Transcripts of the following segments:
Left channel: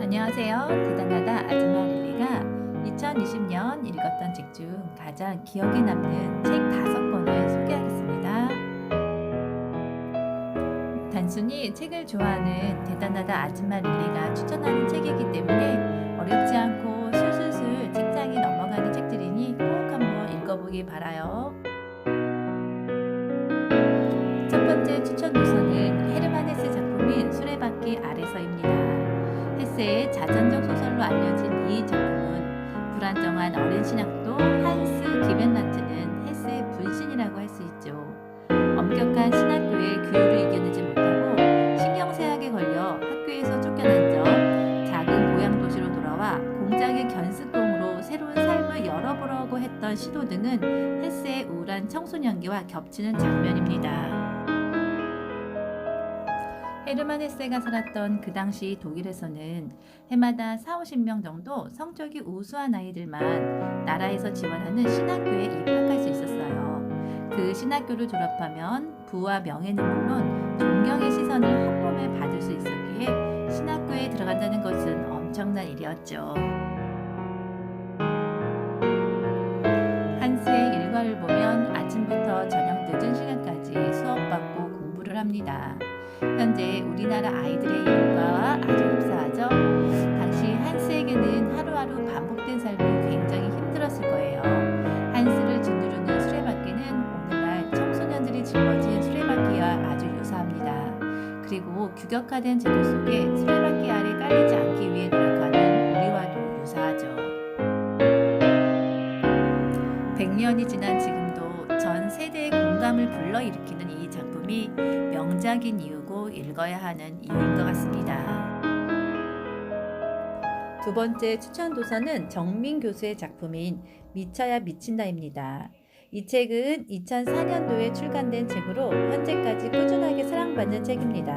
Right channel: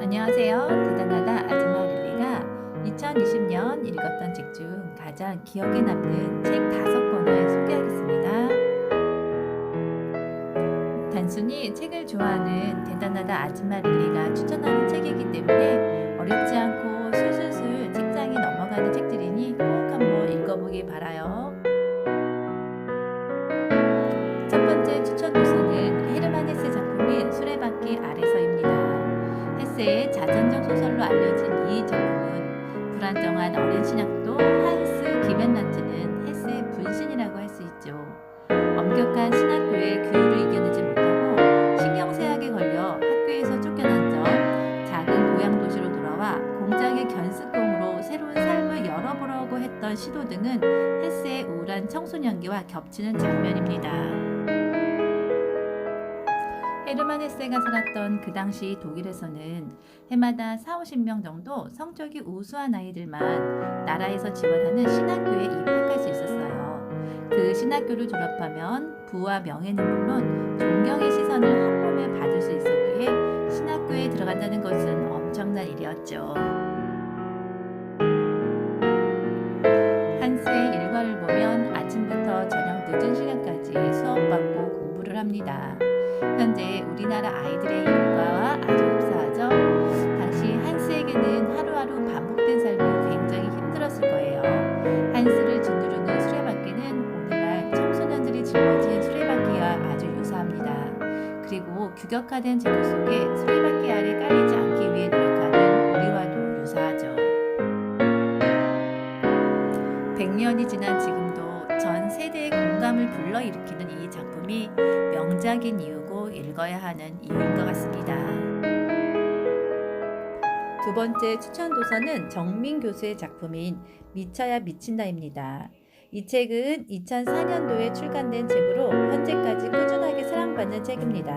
안녕하세요. 대단하다 아줌마 릴리가 2020년 읽었던 책 중 가장 기억에 남는 책 5권을 소개하겠습니다. 단순히 책을 좋아하는 대단하다 아줌마 릴리가 추천하는 책이기 때문에 어렵지 않고 술술술 책장에 넘어가는 책들이니 꼭 한번 읽어보기 바라요. 첫 번째 추천 도서는 헤르만 헤세 작품인 수레바퀴 아래서입니다. 헤세의 자전적 소설로 알려진 이 작품은 불안정한 어린 신학도 한스 기벤란트는 헤세의 분신이라고 할 수 있죠. 엄격한 신학교의 규율을 이겨내지 못하고 신경쇠약에 걸려 학교에서 쫓겨난 점, 작은 고향 도시로 돌아와 공장의 견습공으로 새로운 삶을 열어보려고 했던 시도 등은 헤세의 우울한 청소년기와 겹치는 장면입니다. 헤르만 헤세가 살았던 그 당시 독일에서는 해마다 4, 50명 정도 성적이 우수한 아이들만 나라에서 지원하는 신학교에 입학할 수 있었어요. 그 신학교를 졸업하면 부와 명예는 물론 존경의 시선을 한 몸에 받을 수 있었기에 신학교에 들어간다는 것은 엄청난 일이었죠. 한스의 일과를 보면 아침부터 저녁 늦은 시간까지 수업받고 공부를 합니다. 현재 우리나라 아이들의 일과와 아주 흡사하죠. 당시 한스에게는 하루하루 반복된 삶이 굉장히 힘들었을 거예요. 한스를 짓누르는 수레바퀴는 오늘날 청소년들이 짊어진 수레바퀴와 아주 유사합니다. 그리고 규격화된 제도 속에 수레바퀴 아래 깔리지 않기 위해 노력하는 우리와도 유사하죠. 100년이 지난 지금도 전 세대의 공감을 불러일으키는 이 작품이 명작인 이유고 읽어야 하는 이유인 것 같습니다. 두 번째 추천 도서는 정민 교수의 작품인 미쳐야 미친다입니다. 이 책은 2004년도에 출간된 책으로 현재까지 꾸준하게 사랑받는 책입니다.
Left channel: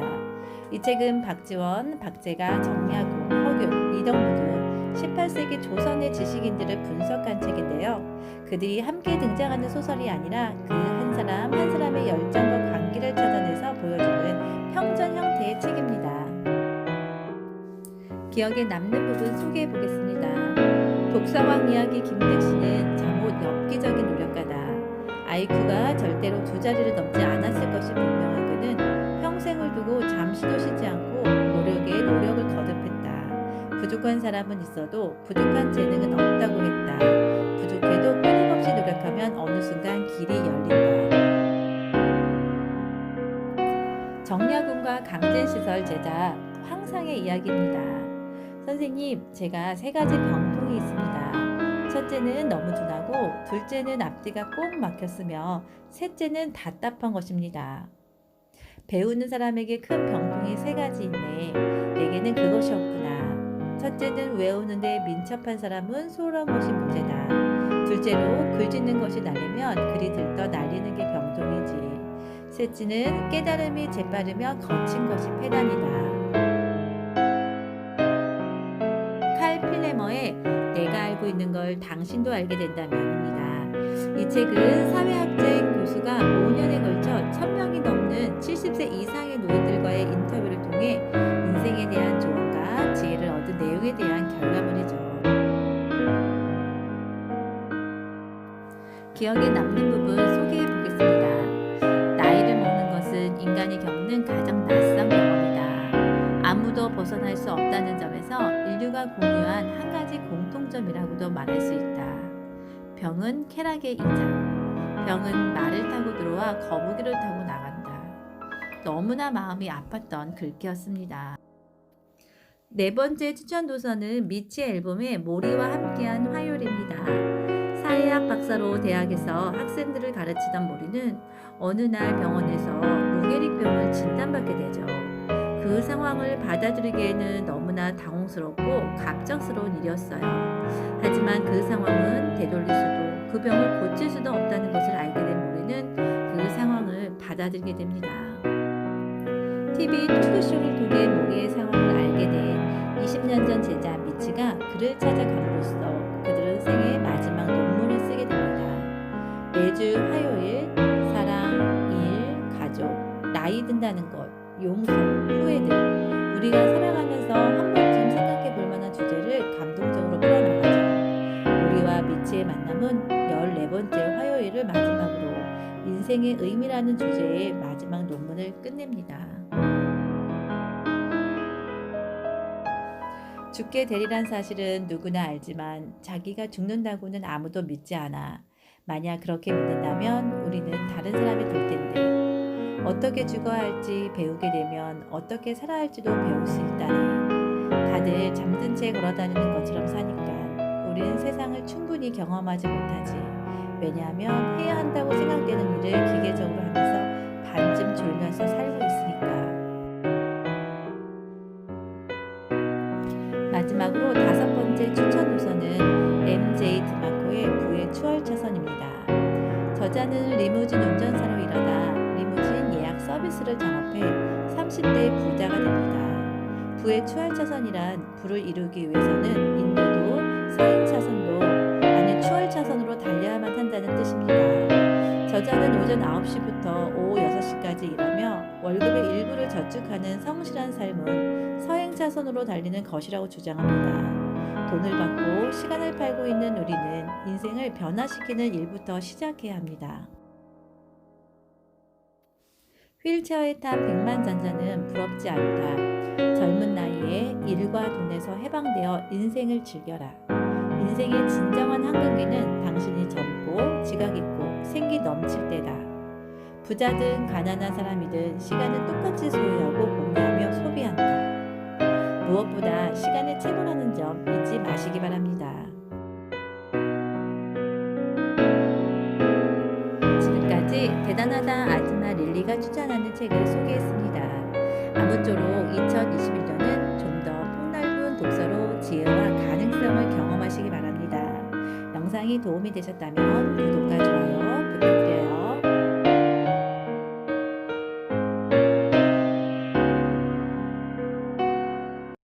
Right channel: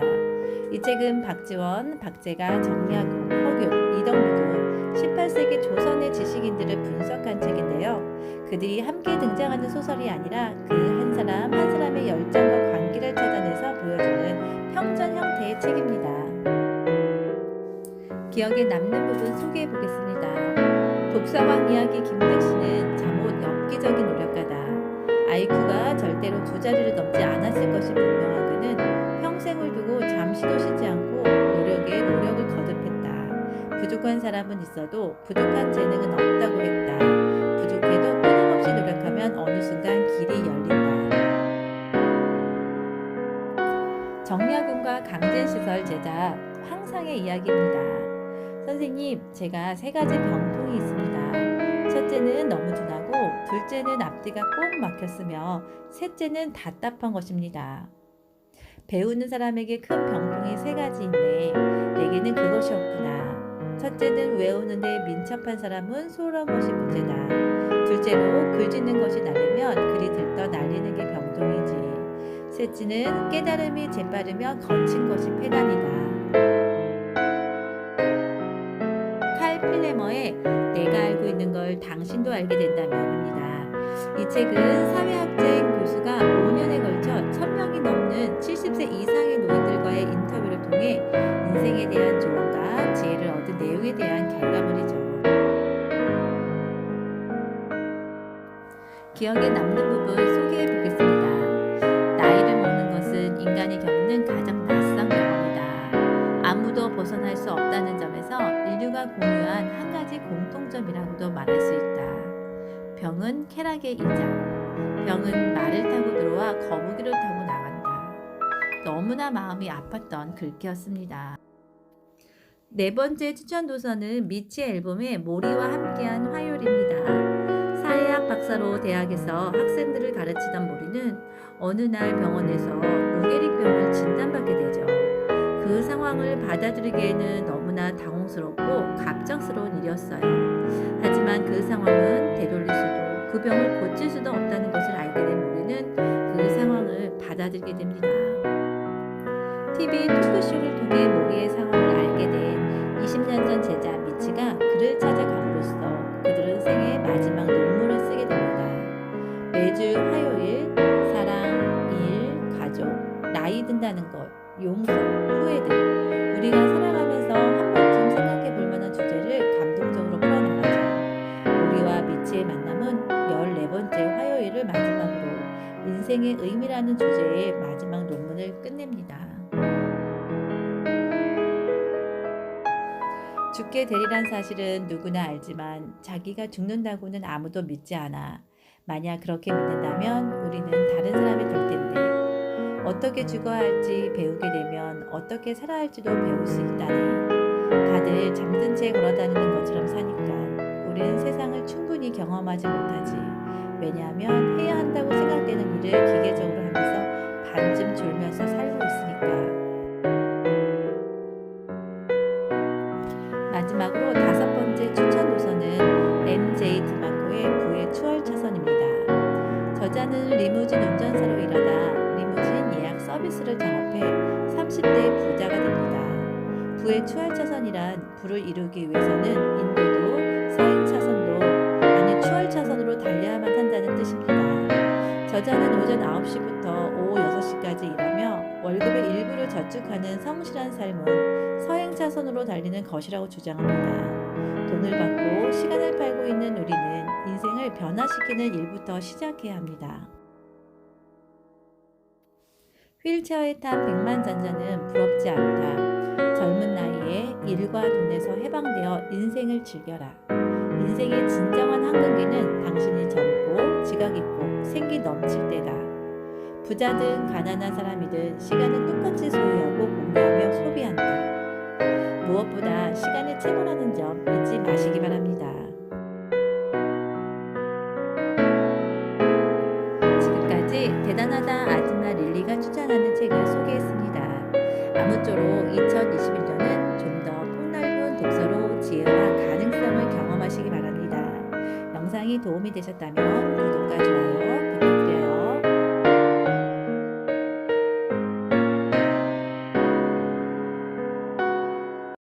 이 책은 박지원, 박재가, 정약용, 허균, 이덕무 등 18세기 조선의 지식인들을 분석한 책인데요. 그들이 함께 등장하는 소설이 아니라 그 한 사람 한 사람의 열정과 관계를 찾아내서 보여주는 평전 형태의 책입니다. 기억에 남는 부분 소개해 보겠습니다. 독서왕 이야기 김택신은 잠옷 엽기적인 노력가다. IQ가 절대로 2자리를 넘지 않았을 것이 분명한 그는 평생을 두고 잠시도 쉬지 않고 노력에 노력을 거듭했다. 부족한 사람은 있어도 부족한 재능은 없다고 했다. 부족해도 끊임없이 노력하면 어느 순간 길이 열린다. 정약용과 강진시설 제자 황상의 이야기입니다. 선생님, 제가 3가지 병통이 있습니다. 첫째는 너무 둔하고, 둘째는 앞뒤가 꼭 막혔으며, 셋째는 답답한 것입니다. 배우는 사람에게 큰 병통이 3가지 있네. 내게는 그것이 없구나. 첫째는 외우는데 민첩한 사람은 소홀한 것이 문제다. 둘째로 글 짓는 것이 날리면 글이 들떠 날리는 게 병통이지. 셋째는 깨달음이 재빠르며 거친 것이 패단이다. 칼 필레머의 내가 알고 있는 걸 당신도 알게 된다면입니다. 이 책은 사회학자인 교수가 5년에 걸쳐 1000명이 넘는 70세 이상의 노인들과의 인터뷰를 통해 인생에 대한 조언과 지혜를 얻은 내용에 대한 결과물이죠. 기억에 남는 부분 소개해 보겠습니다. 나이를 먹는 것은 인간이 겪는 가장 낯선 경험이다. 아무도 벗어날 수 없다는 점에서 인류가 공유한 한 가지 공통점이라고도 말할 수 있다. 병은 쾌락의 이자. 병은 말을 타고 들어와 거북이를 타고 나간다. 너무나 마음이 아팠던 글귀였습니다. 네 번째 추천 도서는 미치 앨범의 모리와 함께한 화요일입니다. 사회학 박사로 대학에서 학생들을 가르치던 모리는 어느 날 병원에서 루게릭병을 진단받게 되죠. 그 상황을 받아들이기에는 너무나 당혹스럽고 갑작스러운 일이었어요. 하지만 그 상황은 되돌릴 수도 그 병을 고칠 수도 없다는 것을 알게 된 모리는 그 상황을 받아들이게 됩니다. TV 토크쇼를 통해 모리의 상황을 알게 된 20년 전 제자 미치가 그를 찾아감으로써 그들은 생애 마지막 논문을 쓰게 됩니다. 매주 화요일, 사랑, 일, 가족, 나이 든다는 것, 용서, 후회들 우리가 살아가면서 한 번쯤 생각해 볼 빛의 만남은 14번째 화요일을 마지막으로 인생의 의미라는 주제의 마지막 논문을 끝냅니다. 죽게 되리란 사실은 누구나 알지만 자기가 죽는다고는 아무도 믿지 않아. 만약 그렇게 믿는다면 우리는 다른 사람이 될 텐데 어떻게 죽어야 할지 배우게 되면 어떻게 살아야 할지도 배울 수 있다네. 다들 잠든 채 걸어다니는 것처럼 사니까 우린 세상을 충분히 경험하지 못하지. 왜냐하면 해야 한다고 생각되는 일을 기계적으로 하면서 반쯤 졸면서 살고 있으니까. 마지막으로 5번째 추천 도서는 MJ 드마코의 부의 추월 차선입니다. 저자는 리무진 운전사로 일하다 리무진 예약 서비스를 창업해 30대 부자가 됩니다. 부의 추월 차선이란 부를 이루기 위해서는 인도도 서행 차선도 아니 추월 차선으로 달려야만 한다는 뜻입니다. 저자는 오전 9시부터 오후 6시까지 일하며 월급의 일부를 저축하는 성실한 삶은 서행 차선으로 달리는 것이라고 주장합니다. 돈을 받고 시간을 팔고 있는 우리는 인생을 변화시키는 일부터 시작해야 합니다. 휠체어에 탄 백만장자는 부럽지 않다. 젊은 나이에 일과 돈에서 해방되어 인생을 즐겨라. 인생의 진정한 황금기는 당신이 젊고 지각 있고 생기 넘칠 때다. 부자든 가난한 사람이든 시간은 똑같이 소유하고 공유하며 소비한다. 무엇보다 시간의 채무라는 점 잊지 마시기 바랍니다. 지금까지 대단하다 아즈마 릴리가 추천하는 책을 소개했습니다. 아무쪼록 2021년은 좀 더 폭넓은 독서로 지혜와 가능성을 경험하시기 바랍니다. 영상이 도움이 되셨다면 구독과 좋아요